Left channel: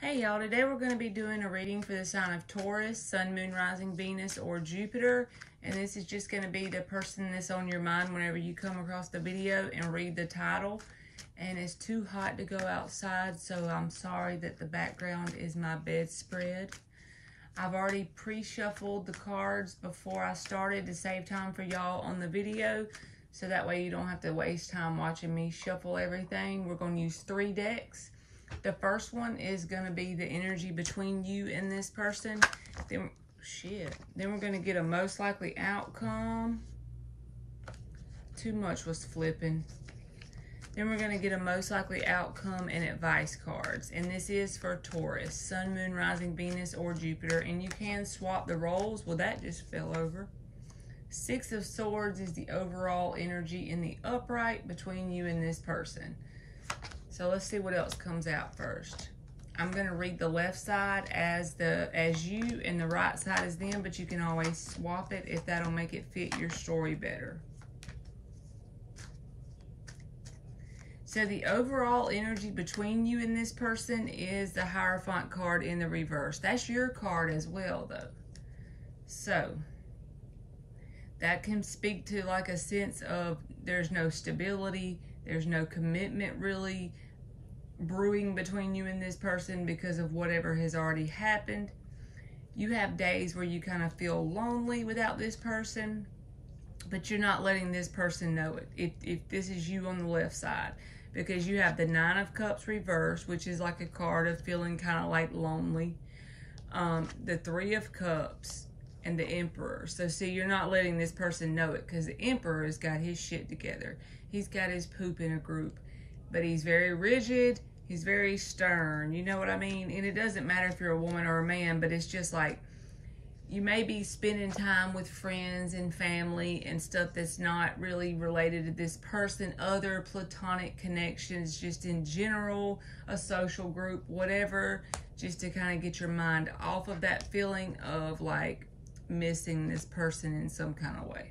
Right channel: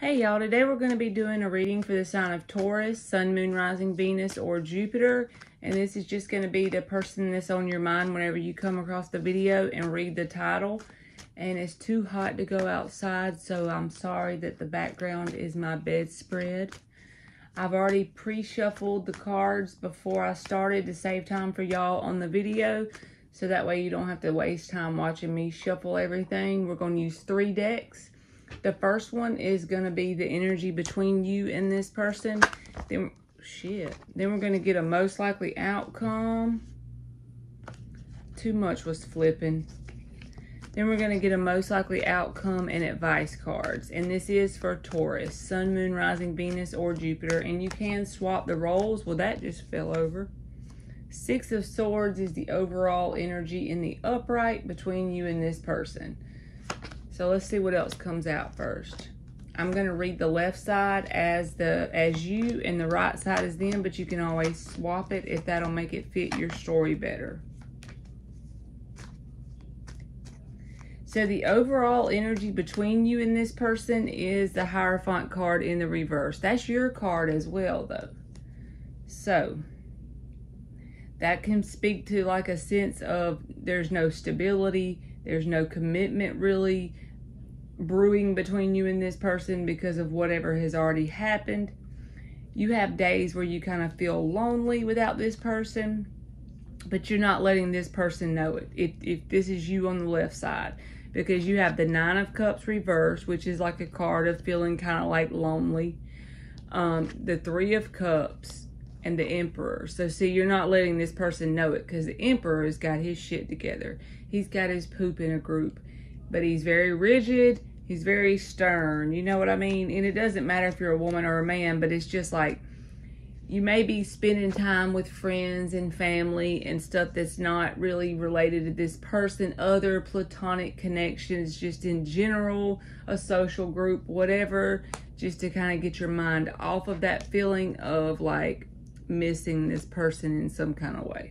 Hey y'all, today we're going to be doing a reading for the sign of Taurus, Sun, Moon, Rising, Venus, or Jupiter. And this is just going to be the person that's on your mind whenever you come across the video and read the title. And it's too hot to go outside, so I'm sorry that the background is my bedspread. I've already pre-shuffled the cards before I started to save time for y'all on the video. So that way you don't have to waste time watching me shuffle everything. We're going to use 3 decks. The first one is going to be the energy between you and this person. Then we're going to get a most likely outcome. Too much was flipping. Then we're going to get a most likely outcome and advice cards. And this is for Taurus, Sun, Moon, Rising, Venus, or Jupiter. And you can swap the roles. Well, that just fell over. 6 of Swords is the overall energy in the upright between you and this person. So let's see what else comes out first. I'm going to read the left side as you and the right side as them, but you can always swap it if that'll make it fit your story better. So the overall energy between you and this person is the Hierophant card in the reverse. That's your card as well, though. So that can speak to like a sense of there's no stability, there's no commitment really brewing between you and this person because of whatever has already happened. You have days where you kind of feel lonely without this person, but you're not letting this person know it. If this is you on the left side, because you have the 9 of Cups reversed, which is like a card of feeling kind of like lonely. The 3 of Cups and the Emperor. So see, you're not letting this person know it because the Emperor has got his shit together. He's got his poop in a group, but he's very rigid. He's very stern. You know what I mean? And it doesn't matter if you're a woman or a man, but it's just like you may be spending time with friends and family and stuff that's not really related to this person, other platonic connections, just in general, a social group, whatever, just to kind of get your mind off of that feeling of like missing this person in some kind of way.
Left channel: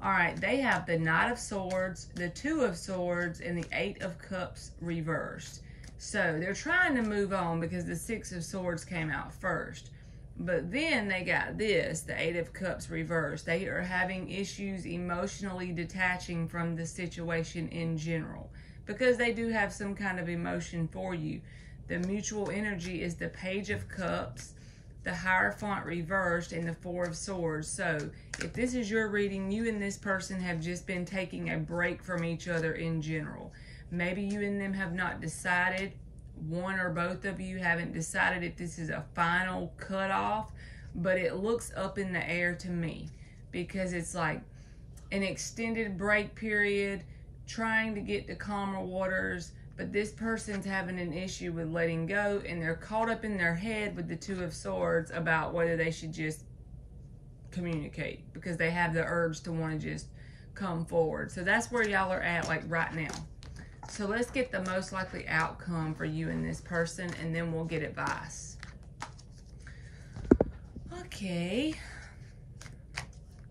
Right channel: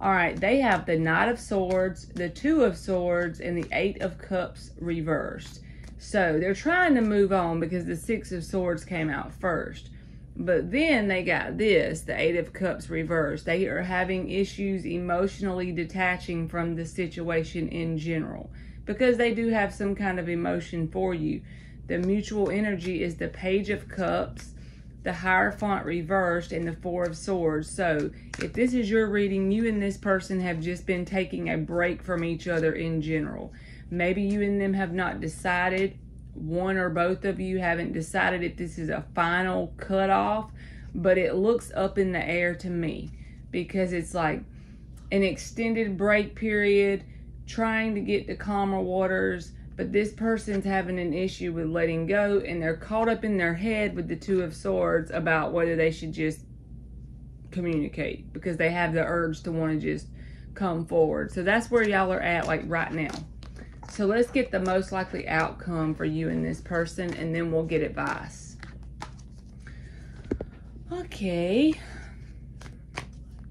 All right, they have the Knight of Swords, the 2 of Swords, and the 8 of Cups reversed. So they're trying to move on because the 6 of Swords came out first. But then they got this, the 8 of Cups reversed. They are having issues emotionally detaching from the situation in general because they do have some kind of emotion for you. The mutual energy is the Page of Cups, the Hierophant reversed, and the 4 of Swords. So if this is your reading, you and this person have just been taking a break from each other in general. Maybe you and them have not decided, one or both of you haven't decided if this is a final cutoff, but it looks up in the air to me because it's like an extended break period, trying to get to calmer waters. But this person's having an issue with letting go, and they're caught up in their head with the 2 of Swords about whether they should just communicate because they have the urge to want to just come forward. So that's where y'all are at like right now. So let's get the most likely outcome for you and this person, and then we'll get advice. Okay.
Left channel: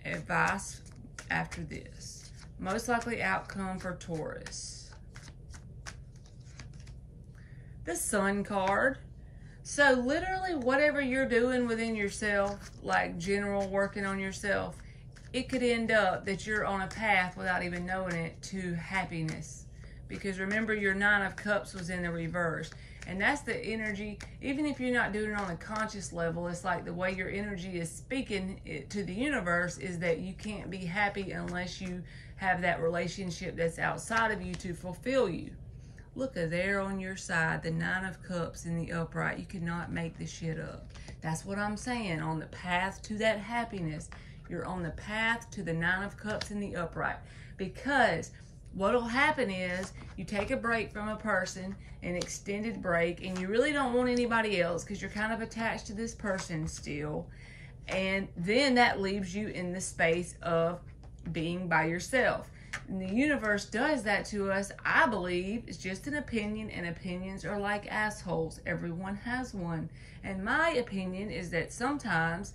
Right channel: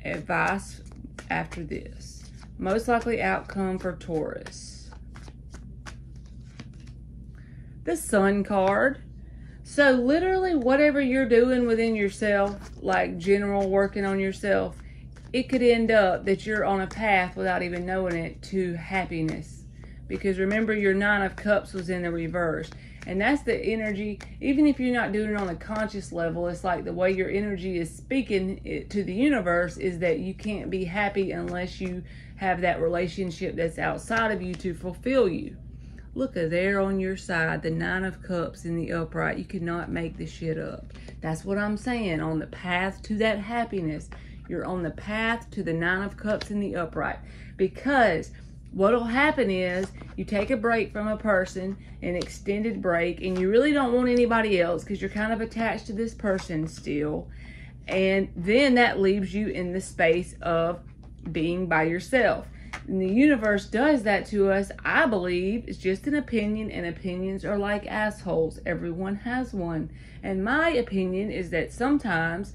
Advice after this. Most likely outcome for Taurus. The Sun card. So literally whatever you're doing within yourself, like general working on yourself, it could end up that you're on a path without even knowing it to happiness. Because remember, your 9 of Cups was in the reverse. And that's the energy, even if you're not doing it on a conscious level, it's like the way your energy is speaking to the universe is that you can't be happy unless you have that relationship that's outside of you to fulfill you. Look at there on your side, the 9 of Cups in the upright. You cannot make this shit up. That's what I'm saying. On the path to that happiness, you're on the path to the 9 of Cups in the upright. Because what'll happen is you take a break from a person, an extended break, and you really don't want anybody else because you're kind of attached to this person still. And then that leaves you in the space of being by yourself. And the universe does that to us, I believe. It's just an opinion, and opinions are like assholes. Everyone has one. And my opinion is that sometimes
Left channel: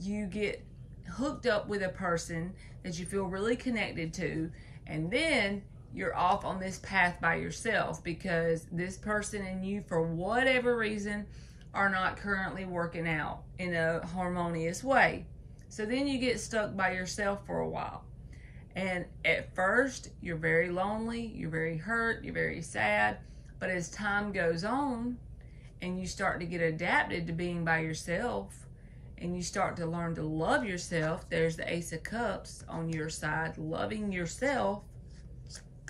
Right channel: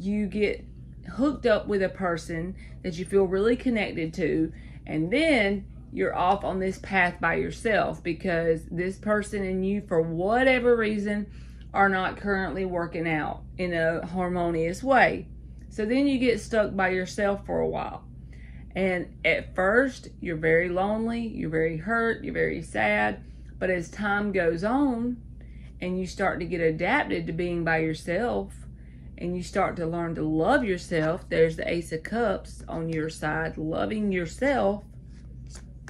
you get hooked up with a person that you feel really connected to, and then you're off on this path by yourself because this person and you, for whatever reason, are not currently working out in a harmonious way. So then you get stuck by yourself for a while. And at first, you're very lonely, you're very hurt, you're very sad. But as time goes on and you start to get adapted to being by yourself and you start to learn to love yourself, there's the Ace of Cups on your side, loving yourself,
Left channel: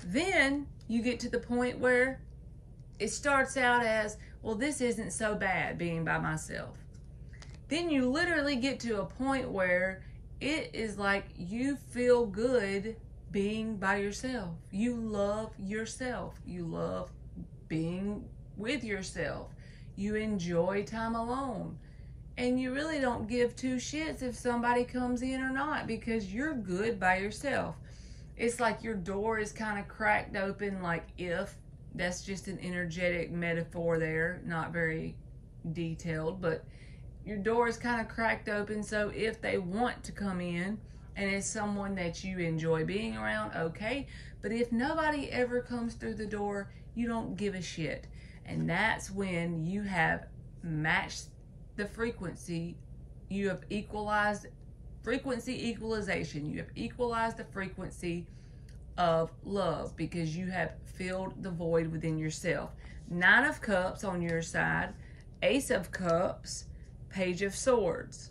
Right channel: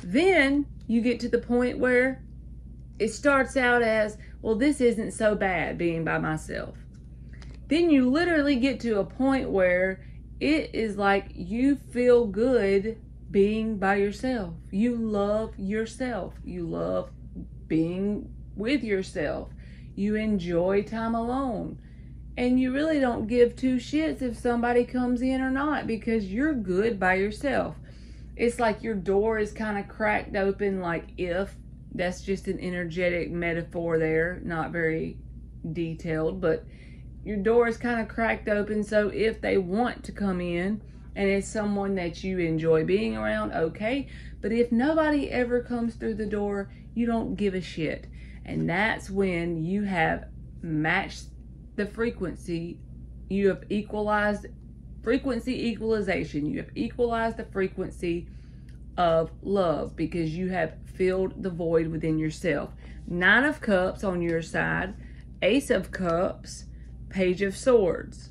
then you get to the point where it starts out as, well, this isn't so bad being by myself. Then you literally get to a point where it is like you feel good being by yourself. You love yourself. You love being with yourself. You enjoy time alone. And you really don't give two shits if somebody comes in or not because you're good by yourself. It's like your door is kind of cracked open, like if. That's just an energetic metaphor there, not very detailed, but your door is kind of cracked open, so if they want to come in and it's someone that you enjoy being around, okay. But if nobody ever comes through the door, you don't give a shit. And that's when you have matched the frequency. You have equalized frequency equalization. You have equalized the frequency of love because you have filled the void within yourself. 9 of Cups on your side, Ace of Cups, Page of Swords.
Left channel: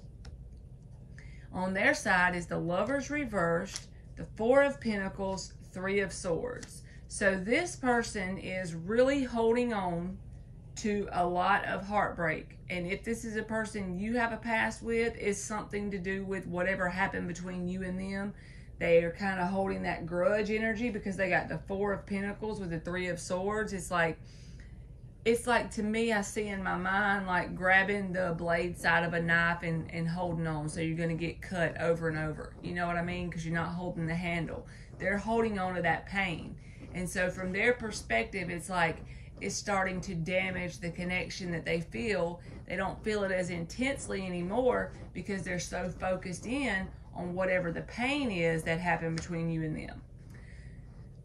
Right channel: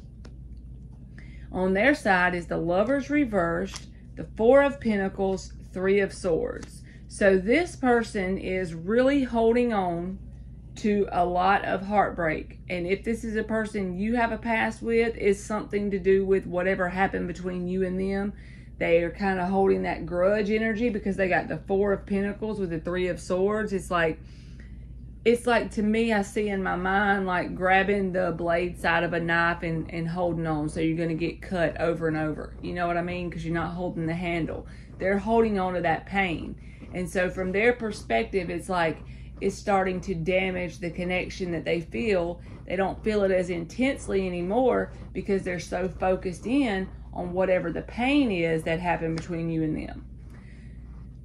On their side is the Lovers reversed, the 4 of Pentacles, 3 of Swords. So this person is really holding on to a lot of heartbreak. And if this is a person you have a past with, it's something to do with whatever happened between you and them. They are kind of holding that grudge energy because they got the 4 of Pentacles with the 3 of Swords. It's like to me, I see in my mind like grabbing the blade side of a knife and holding on. So you're going to get cut over and over. You know what I mean? Because you're not holding the handle. They're holding on to that pain. And so from their perspective, it's like it's starting to damage the connection that they feel. They don't feel it as intensely anymore because they're so focused in on whatever the pain is that happened between you and them.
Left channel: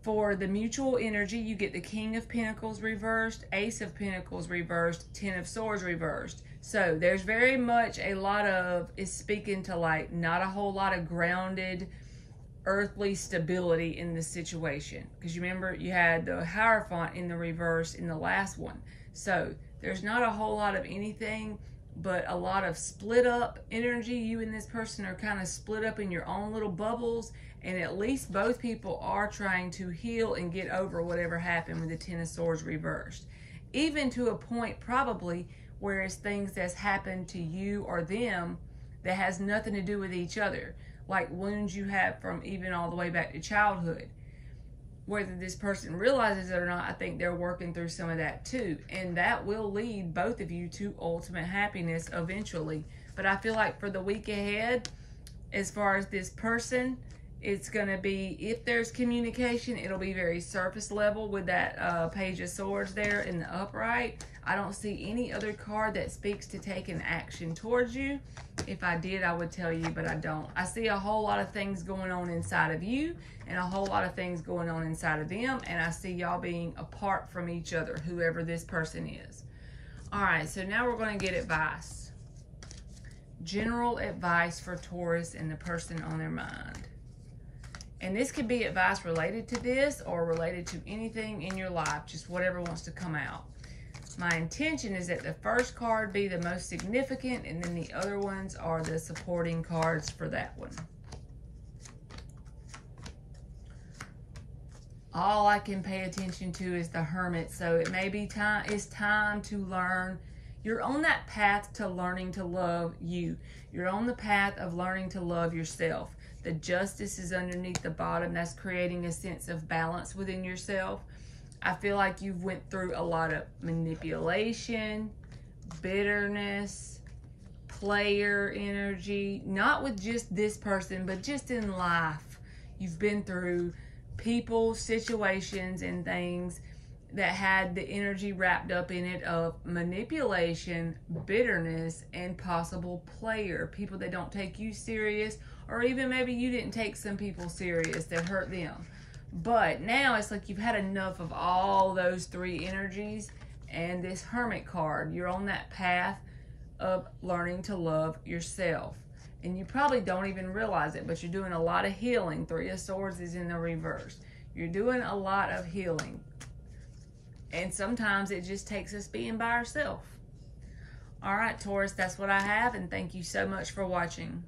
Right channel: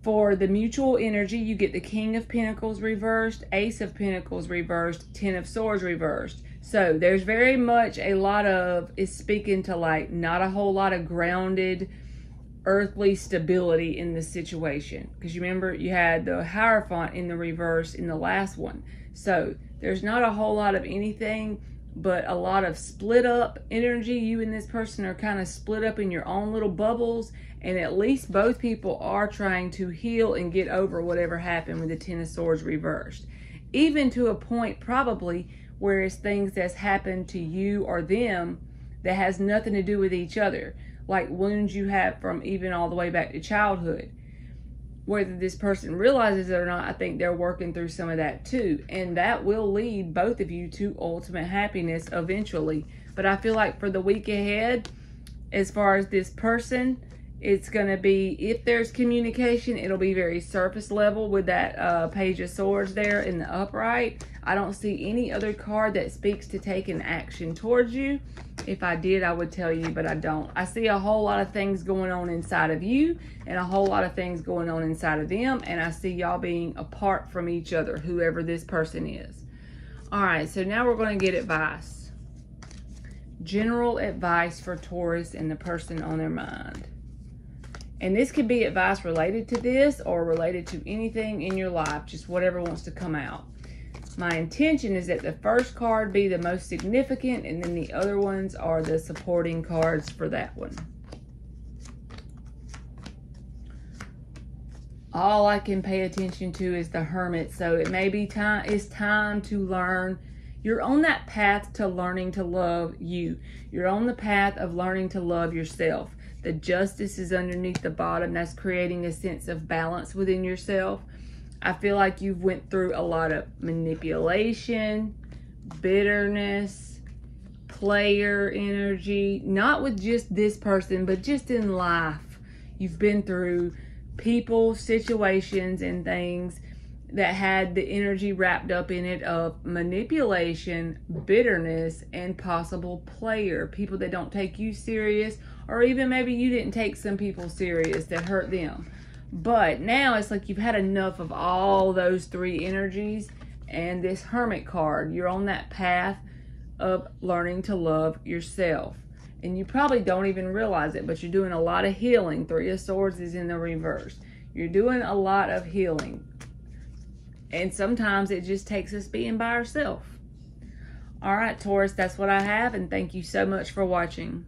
For the mutual energy, you get the King of Pentacles reversed, Ace of Pentacles reversed, 10 of Swords reversed. So there's very much a lot of, it's speaking to like not a whole lot of grounded earthly stability in the situation. Because you remember you had the Hierophant in the reverse in the last one. So there's not a whole lot of anything but a lot of split up energy. You and this person are kind of split up in your own little bubbles, and at least both people are trying to heal and get over whatever happened with the 10 of Swords reversed. Even to a point probably where it's things that's happened to you or them that has nothing to do with each other, like wounds you have from even all the way back to childhood. Whether this person realizes it or not, I think they're working through some of that too. And that will lead both of you to ultimate happiness eventually. But I feel like for the week ahead, as far as this person, it's going to be, if there's communication, it'll be very surface level with that Page of Swords there in the upright. I don't see any other card that speaks to taking action towards you. If I did, I would tell you, but I don't. I see a whole lot of things going on inside of you and a whole lot of things going on inside of them. And I see y'all being apart from each other, whoever this person is. All right, so now we're going to get advice. General advice for Taurus and the person on their mind. And this could be advice related to this or related to anything in your life, just whatever wants to come out. My intention is that the first card be the most significant, and then the other ones are the supporting cards for that one. All I can pay attention to is the Hermit, so it may be time. It's time to learn. You're on that path to learning to love you. You're on the path of learning to love yourself. The Justice is underneath the bottom. That's creating a sense of balance within yourself. I feel like you've went through a lot of manipulation, bitterness, player energy, not with just this person, but just in life. You've been through people, situations, and things that had the energy wrapped up in it of manipulation, bitterness, and possible player. People that don't take you serious, or even maybe you didn't take some people serious that hurt them. But now it's like you've had enough of all those three energies, and this Hermit card, you're on that path of learning to love yourself. And you probably don't even realize it, but you're doing a lot of healing. Three of Swords is in the reverse. You're doing a lot of healing. And sometimes it just takes us being by ourselves. All right, Taurus, that's what I have, and thank you so much for watching.